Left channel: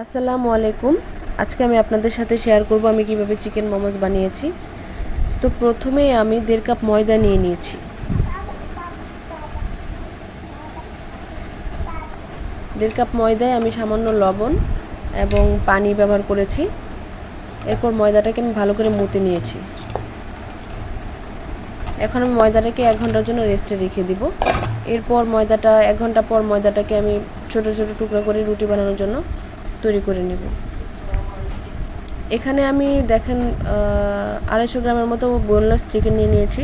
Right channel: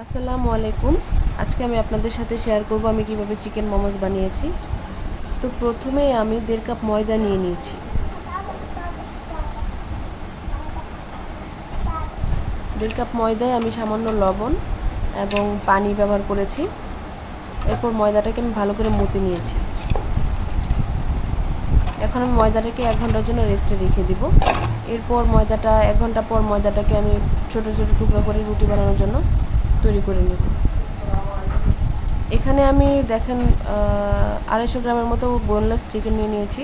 আসসালামু আলাইকুম। আজকে আমি আপনাদের সাথে শেয়ার করব আমি কিভাবে চিকেন মোমোস বানিয়েছি। তো প্রথমেই আমি 1.5 কাপ ময়দা নিয়ে নিয়েছি। 1.5 কাপ ময়দায় আমি সামান্য লবণ এবং পানি ব্যবহার করেছি। এরপর ময়দাটাকে আমি ভালো করে মথে নিয়েছি। এখন আমি ময়দাটাকে 1 ঘন্টার জন্য রেস্টে রেখে দিব। এরপর 1 ঘন্টা পর ময়দাটাকে আমি ছোট ছোট টুকরো করে রুটি বানানোর জন্য তৈরি করে নেব। এখানে আমি দেখেন 250 গ্রামের মতো বোনলেস চিকেন নিয়ে নিয়েছি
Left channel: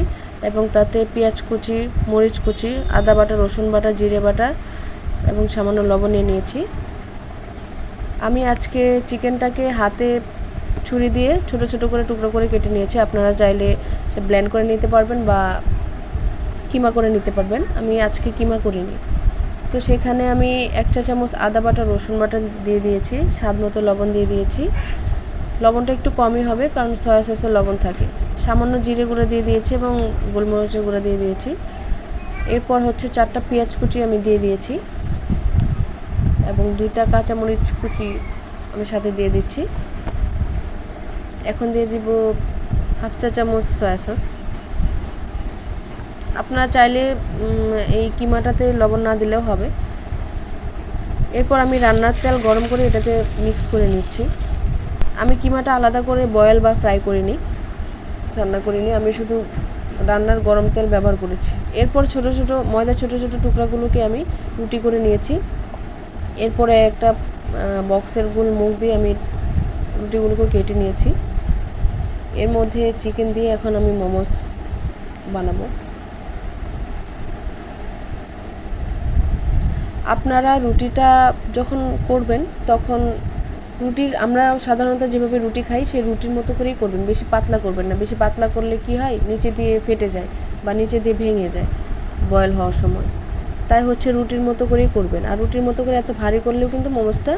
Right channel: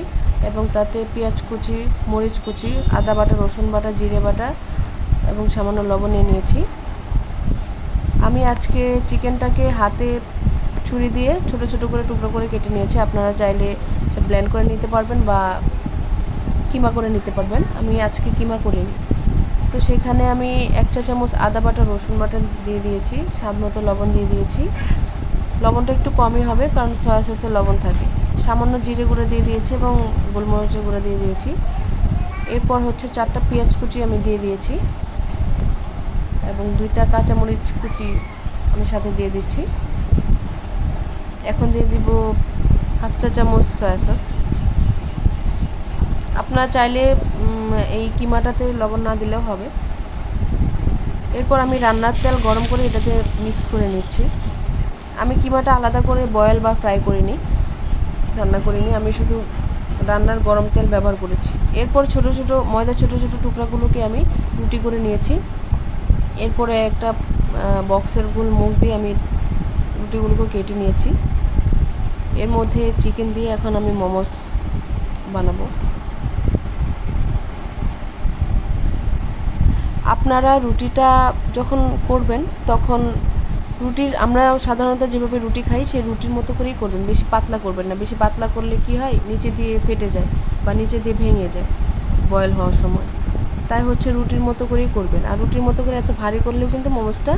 এবং তাতে পেঁয়াজ কুচি, মরিচ কুচি, আদা বাটা, রসুন বাটা, জিরে বাটা এবং সামান্য লবণ নিয়ে নিয়েছি। আমি আজকে চিকেনটাকে হাতে ছুরি দিয়ে ছোট ছোট করে টুকরো করে কেটে নিয়েছি। আপনারা চাইলে সে ব্লেন্ড করে নিতে পারবেন বা কিমা করে নিতে পারবেন। আমি আজকে কিমা করিনি। তো সেখানে আমি 1 চা চামচ আদা বাটা, রসুন বাটা দিয়ে দিয়েছি, স্বাদ মতো লবণ দিয়ে দিয়েছি। লবণটা একটু কমই হবে কারণ সয়া সসে লবণ থাকে। সামান্য জিরে গুঁড়ো দিয়ে দিয়েছি এবং গোলমরিচের গুঁড়ো দিয়ে দিয়েছি। এরপর হচ্ছে 4টা পেঁয়াজ কুচি আমি দিয়ে দিয়েছি এবং 2টা কাঁচামরিচ কুচি আমি সাথে দিয়ে দিচ্ছি। এখন দিয়ে দিব 1/2 চা চামচ সয়া সস। আপনারা চাইলে এই কিমাটাতে লবণ না দিলেও হবে। এরপর আমি রান্নার তেল গরম করে এটাকে মিক্স করে নিচ্ছি। আমি কিমাটা আলাদা করে বয়েল বা ফ্রাই করিনি, রান্না করিনি, আমি শুধু রান্নার গরম তেল ব্যবহার করেছি। এরপর ময়দার ছোট ছোট টুকরাগুলোকে আমি রুটি করে নিয়েছি। এরপরে একটা বক্সের গোল মুখ দিয়ে আমি রুটিগুলোকে কেটে নিয়েছি। এর মধ্যে চিকেন দিয়ে এখন আমি মোমোস বানাবো। আপনারা রুটিটা যখন করবেন তখন আমরা সাধারণত যেভাবে রুটি খাই সেই রুটির মতো করেই করবেন, বেশি পাতলা করবেন না। বেশি পাতলা করলে কি হয়, নিচে দিয়ে ফেটে যায় বা নিচে দিয়ে ভেঙে যায় বয়েল হওয়ার সময়। তাই হচ্ছে রুটির মতো করেই করবেন। আর রুটির মতো করে এত ভারী করলেও কিন্তু মোমোসটা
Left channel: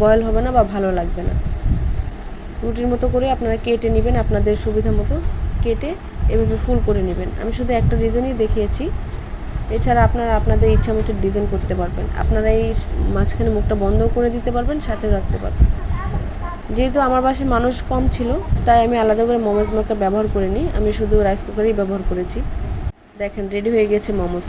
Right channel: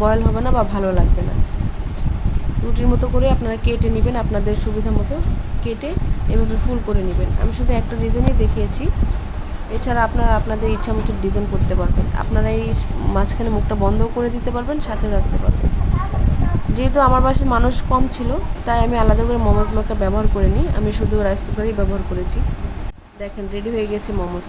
বয়েল হবে না বা ভালো লাগবে না। রুটির মতো করে আপনারা কেটে নেবেন, আপনাদের সুবিধা মতো কেটে এভাবে ফুল করে নেবেন। আমি শুধু একটা ডিজাইনই দেখিয়েছি, এছাড়া আপনারা আপনাদের ইচ্ছা মতো ডিজাইন করতে পারবেন। আপনারা এই মাঝখানে মুখটা বন্ধও করে দিতে পারবেন, সাথেও রাখতে পারবেন। যেহেতু আমার বাসায় মানুষ কম ছিল তাই আমি আলাদা করে মোমোস মেকার ব্যবহার করিনি, আমি শুধু রাইস কুকারই ব্যবহার করেছি। দেখেন রেডি হয়ে গেছে মোমোস।